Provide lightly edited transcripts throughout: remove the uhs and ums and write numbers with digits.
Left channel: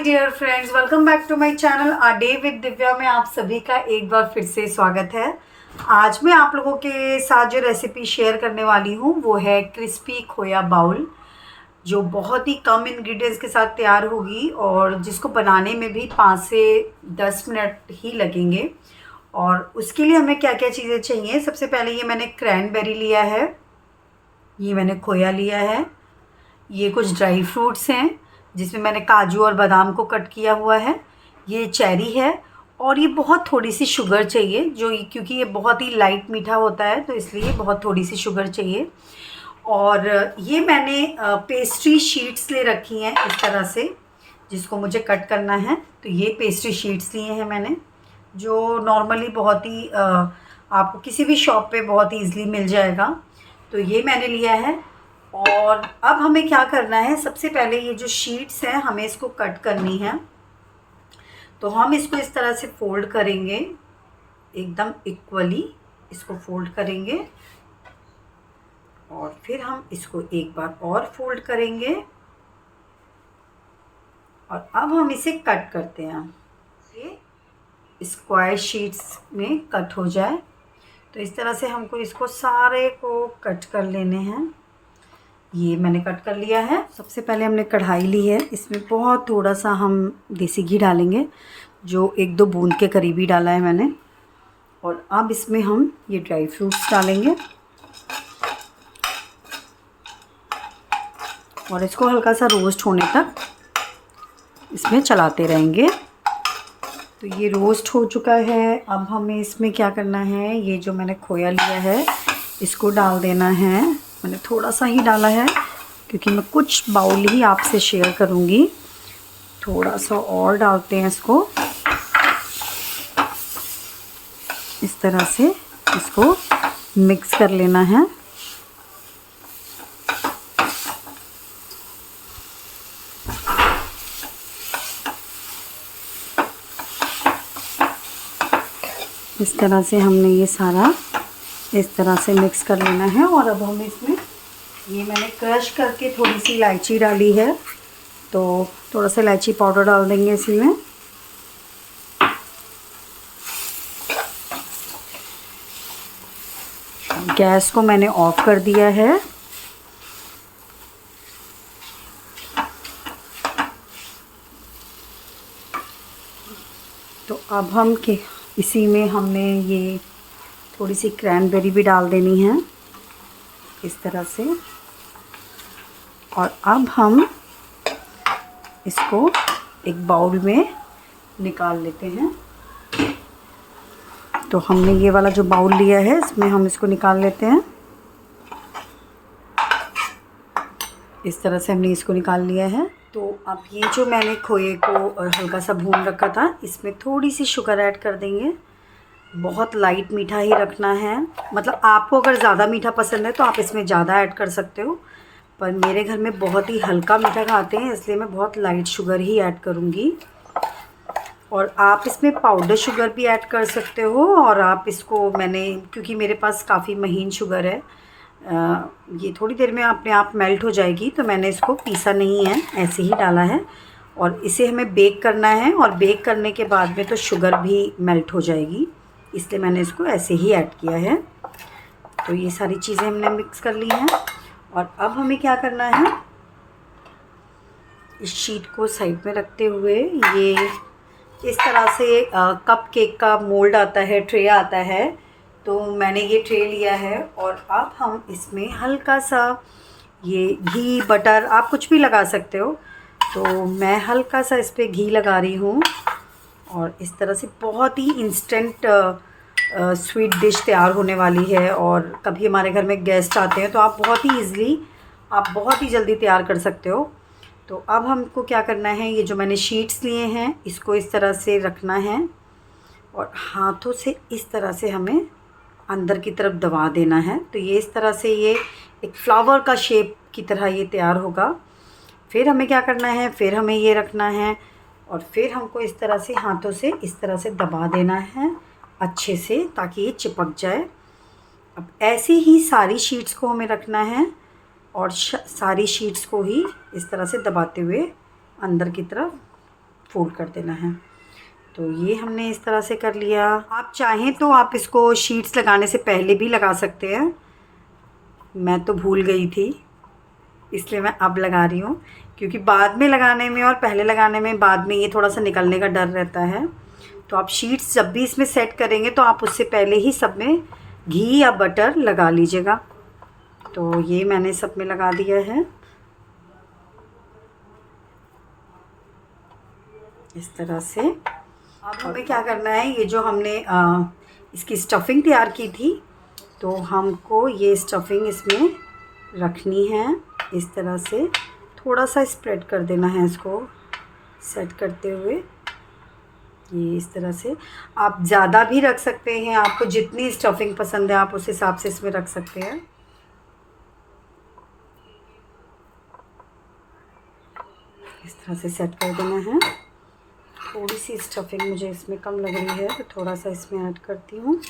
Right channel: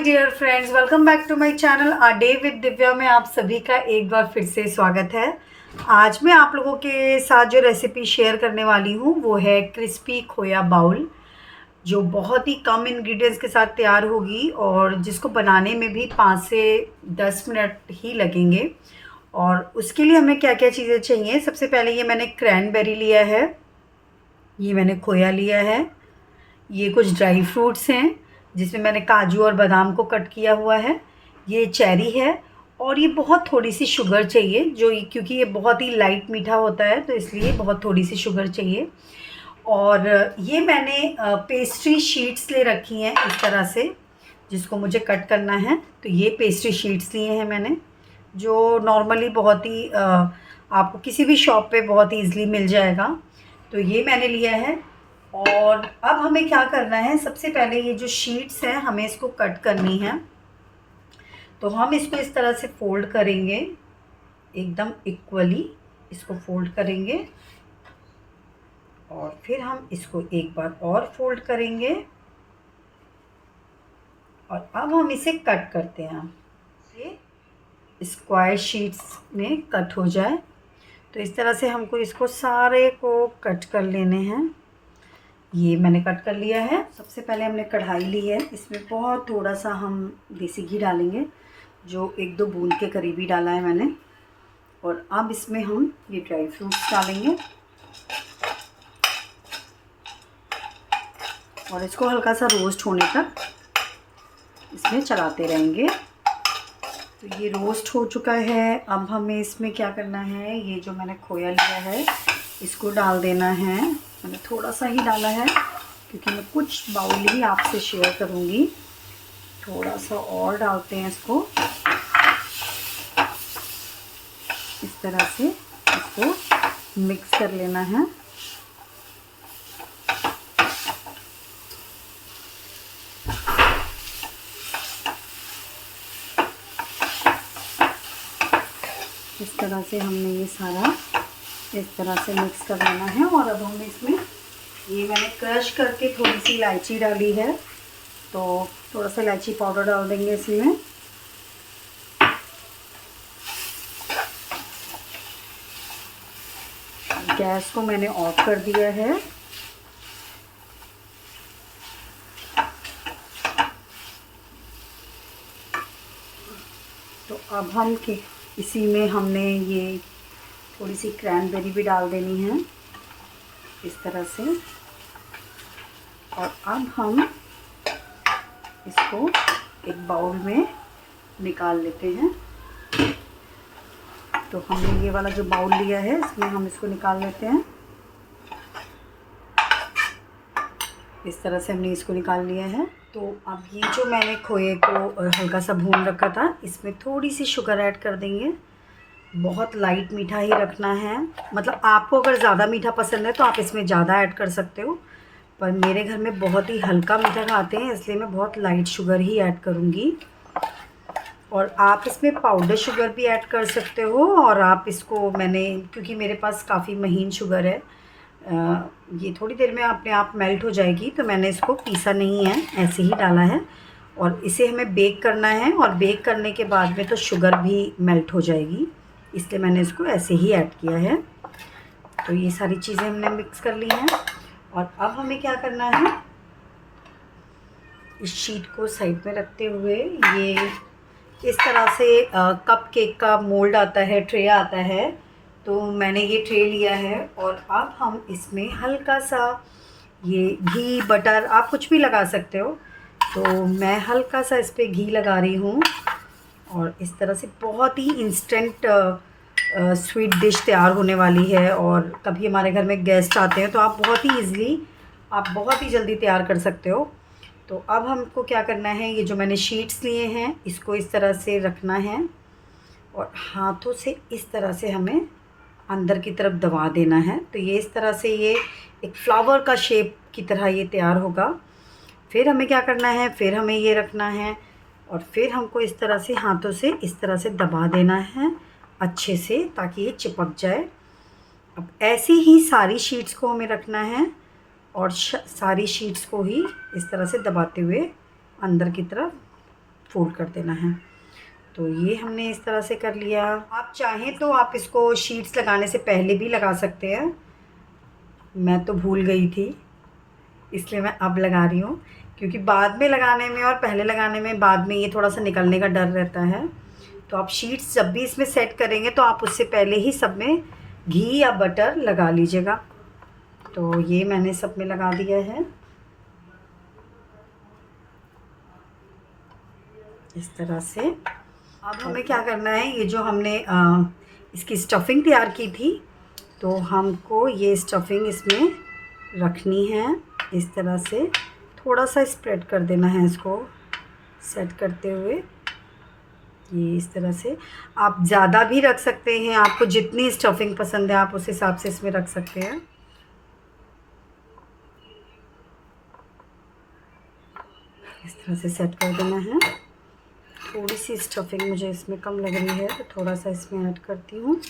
My dear friends, welcome back to my channel a day with Divya में आप सभी का एक बार फिर से स्वागत है। आज मैं आप लोगों के साथ जो रेसिपी शेयर करने वाली हूँ वो है क्रिस्पी खोया बाउल, जो बहुत ही कम इंग्रेडिएंट्स के साथ तैयार होगी और जिसको बनाने में भी 5 से 10 मिनट ही लगेंगे। और उसके लिए हमें क्या क्या चीज़ें चाहिए, सबसे पहले ये मैंने क्रैनबेरी लिया है, ये मैंने खोया लिया है, ये कुछ ड्राई फ्रूट्स हैं जिसमें मैंने काजू और बादाम को कट किया हुआ है, ये चेरी है और ये बहुत थोड़ी सी शुगर चाहिए, जो क्योंकि ये बहुत ही लाइट मीठा होता है तो इसलिए बहुत थोड़ी सी शुगर चाहिए। और ये मैंने पेस्ट्री शीट्स ले रखी हैं इस तरह से, जिसको मुझे कट करना है। तो ये पेस्ट्री शीट्स लिए हैं मैंने, जो नॉर्मली बहुत ही आपको किसी भी शॉप पे बहुत ईज़िली मिल जाएगा। तो ये मैंने लिया है। और अब हमें क्या करना है, सबसे पहले ये जो शीट्स हैं हमें इसको कट करनी है। तो हम इसको इस तरह से फ़ोल्ड करेंगे, एकदम इक्वली इसको फ़ोल्ड करेंगे और फिर हम इसको एक बार और फ़ोल्ड करेंगे और अब हम इसे कट करते हैं। ये स्क्वायर शीट्स में कट हो जाए तो इस तरह से हमको इसको सारे को कट कर लेने हैं। ये मैंने कट कर लिया है। सबसे पहले हमने कढ़ाई ली है, इसमें बहुत थोड़ा सा हम देसी घी डालेंगे, जो 1-2 बूंद के करीब ही डाला है मैंने। और अब इसमें हम ये ड्राई फ्रूट्स डालेंगे और इसको हल्का सा रोस्ट होने तक इसमें चलाते रहेंगे। तो ये रोस्ट हो चुका है। अब हमें इसमें क्या करना है, ये जो मैंने खोया लिया है इसको डाल देना है। मैंने थोड़ा सा ही डाला है क्योंकि मैं कुछ बाउल ही आपसे शेयर करूँगी। थोड़ा सा और डालते हैं इसको, इस तरह से इसको मिक्स कर लेना है। इस तरह से हमने ये सारा इस तरह से मिक्स कर लेना है। और अब हम इसमें ये मैंने क्रश करके थोड़ी सी इलायची डाली है, तो थोड़ा सा इलायची पाउडर डाल देंगे इसमें। गैस को मैंने ऑफ कर दिया है। तो अब हम इसी में हमने ये थोड़ी सी क्रैनबेरी भी डाल देनी है इस तरह से। और अब हम इसको एक बाउल में निकाल लेते हैं। तो हमने ये वाला जो बाउल लिया है इसमें हम इसको निकाल लेते हैं। इस तरह से हमने इसको निकाल लिया है। तो अब ये जो मैंने खोए को हल्का सा भून रखा था, इसमें थोड़ी सी शुगर ऐड कर देंगे। बहुत लाइट मीठा ही रखना है, मतलब आपको अगर ज़्यादा मीठा पसंद है तो आप इसमें ज़्यादा ऐड कर सकते हो, पर मेरे घर में बहुत ही हल्का मीठा खाते हैं इसलिए मैं बहुत लाइट शुगर ही ऐड करूँगी। और आप इसमें पाउडर शुगर भी ऐड कर सकते हो। और आप इसको, मैंने क्योंकि मेरे पास काफ़ी महीन शुगर है, ये थोड़ी देर में अपने आप मेल्ट हो जाएगी, तो मैंने इसको पीसा नहीं है, ऐसे ही डाला है। और इसे हमें बेक करना है और बेक करने के बाद में तो शुगर भी मेल्ट हो जाएगी, इसलिए मैंने इसको ऐसे ही ऐड किया है। तो ये सारी चीज़ें हमने मिक्स कर ली हैं। और अब हमें क्या करना है, इस शीट को साइड में रखते हुए ये इस तरह से कप केक का मोल्ड आता है, ट्रे आता है, तो मैंने ये ट्रे लिया है। और अब हम इसमें हल्का सा ये घी बटर आप कुछ भी लगा सकते हो, तो मैं हल्का सा इस पर घी लगा रही हूँ। और इस तरह से बहुत ही इंस्टेंट स्वीट डिश तैयार होने वाली है। और कभी हमारे घर में गेस्ट आते हैं तो आप बहुत ही ईज़िली, आप बहुत ही जल्दी तैयार कर सकते हो। तो अब हमको क्या करना है, ये जो मैंने शीट्स लिए हैं इसको इस तरह से रखना है और हाथों से इस तरह से हमें अंदर की तरफ दबा देना है। तो ये इस तरह से ये एक फ्लावर का शेप की तरह ये तैयार होगा। फिर हमें क्या करना है, फिर हमें ये रखना है और फिर हमको इस तरह से हाथों से इस तरह से दबा देना है अच्छे से, ताकि ये चिपक जाए। अब ऐसी ही सारी शीट्स को हमें रखना है और सारी शीट्स को ही इस तरह से दबाते हुए अंदर की तरफ फोल्ड कर देना है। तो ये हमने इस तरह से कर लिया। आप चाहें तो आप इसको शीट्स लगाने से पहले भी लगा सकते हैं। मैं तो भूल गई थी, इसलिए मैं अब लगा रही हूँ, क्योंकि बाद में लगाने में और पहले लगाने में बाद में ये थोड़ा सा निकलने का डर रहता है। तो आप शीट्स जब भी इसमें सेट करेंगे तो आप उससे पहले ही सब में घी या बटर लगा लीजिएगा। तो ये मैंने सब में लगा दिया है इस तरह से। अब हमें क्या करना है, ये जो हमने इसकी स्टफिंग तैयार की थी, तो हमको ये स्टफिंग इसमें रखनी है। इस तरह से थोड़ा सा स्प्रेड कर देना है इसको सेट करते हुए। ये इस तरह से आप ज़्यादा भी रख सकते हैं, आपको जितनी स्टफिंग पसंद है आप उस हिसाब से इसमें रख सकते हैं। इस तरह से सेट कर देना है। थोड़ी सी स्टफिंग मुझे इसमें कम लग रही है, तो थोड़ा सा इसमें ऐड करती हूँ।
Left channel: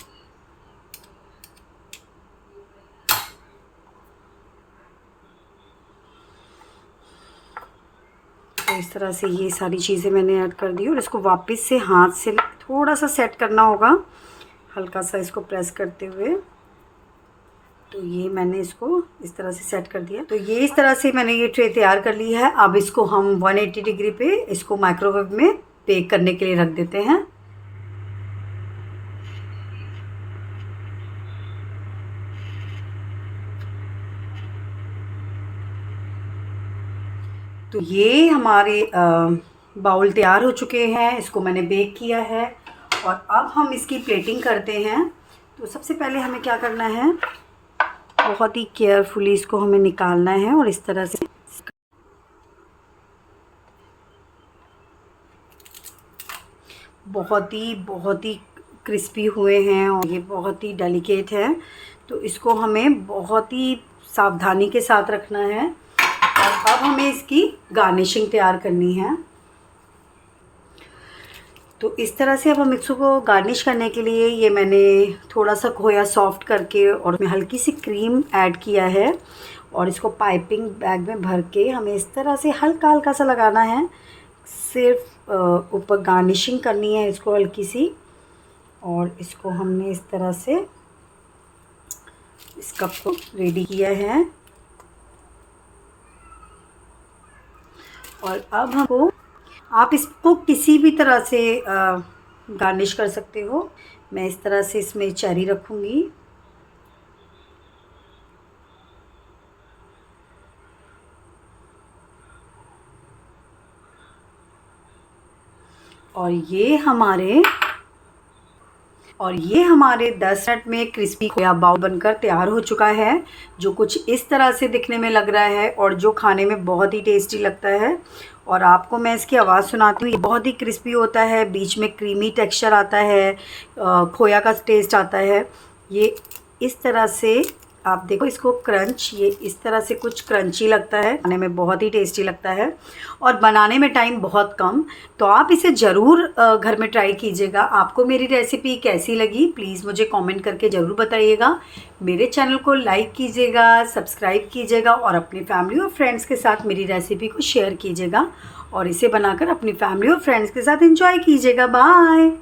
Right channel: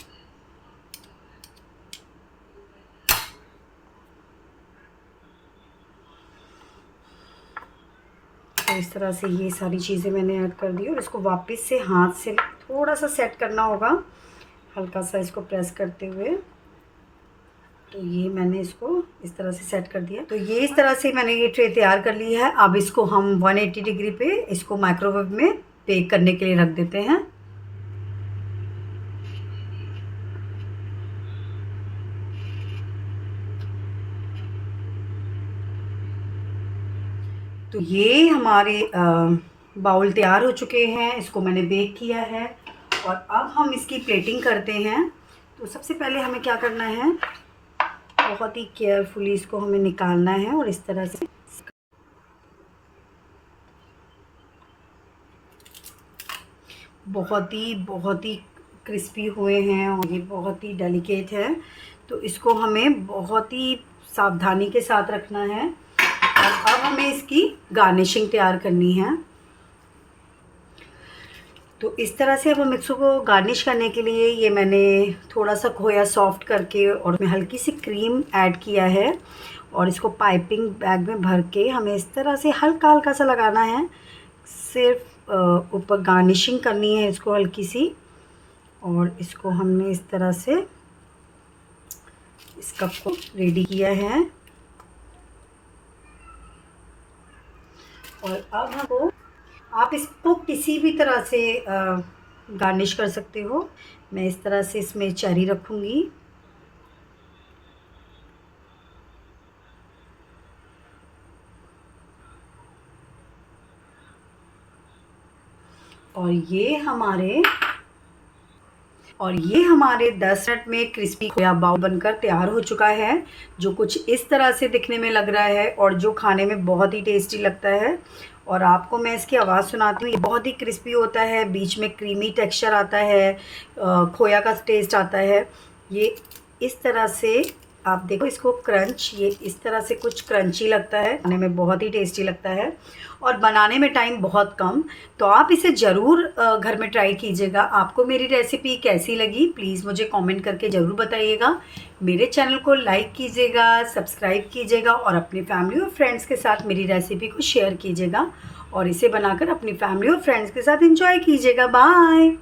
तो इस तरह से ये सारी चीज़ें मैंने ऐड कर दी और इसको वापस से हाथ से थोड़ा सा सेट करना होगा, हल्का सा इसको प्रेस करते हुए। तो ये मैंने इसको इस तरह से सेट कर दिया। तो ये इस तरह से मैंने ये ट्रे तैयार कर ली है। अब इसको हम 180 डिग्री पे इसको माइक्रोवेव में बेक करने के लिए रख देते हैं। तो ये हमारे बाउल तैयार हो चुके हैं, इसको मैंने बेक किया है। और अब हम इसकी प्लेटिंग करते हैं। तो सबसे पहले हमें क्या करना है, बहुत ही केयरफुली इसको हमें निकालना है और इस तरह से बहुत ही क्रिस्पी हुए हैं और ये बहुत ही डेलिकेट है। तो इसको हमें बहुत ही सावधानी के साथ रखना है। और अब हमें इसकी गार्निशिंग तैयार करनी है। तो इस तरह से अब हम इसको गार्निश करने के लिए ये मैंने थोड़ा सा खोया सॉफ्ट करके और उसमें हल्की सी क्रीम ऐड किया है और इसको पाइपिंग बैग में भर के हमें इस तरह से हल्का हल्का सा लगाना है। सिर्फ ऊपर गार्निशिंग करनी है इसको हल्की सी। और इसको हमने इस तरह से इस कप को रेडी किया है। और अब हमको, आप इसको किसी भी तरह से गार्निश कर सकते हो। मैं इस तरह से इसमें चेरी रखूँगी। और ये हमारे 10 मिनट में क्रिस्पी खोया बाउल बनकर तैयार हो चुका है, जो कुछ इस तरह से दिखने में लग रहा है और जो खाने में बहुत ही टेस्टी लगता है। और आपको मैं इसकी आवाज़ सुनाती हूँ। ये बहुत ही क्रिस्पी होता है, बीच में क्रीमी टेक्सचर आता है, खोया का टेस्ट आता है। ये इस तरह से आप देखो इसको क्रंच, ये इस तरह से कुछ क्रंची लगता है, खाने में बहुत ही टेस्टी लगता है और बनाने में टाइम बहुत कम। तो आप इसे ज़रूर घर में ट्राई कीजिएगा। आपको मेरी रेसिपी कैसी लगी प्लीज़ मुझे कमेंट करके ज़रूर बताइएगा। मेरे चैनल को लाइक कीजिएगा, सब्सक्राइब कीजिएगा और अपनी फैमिली और फ्रेंड्स के साथ मेरी रेसिपी को शेयर कीजिएगा और इसे बनाकर अपनी फैमिली और फ्रेंड्स के साथ एंजॉय कीजिएगा। बाय।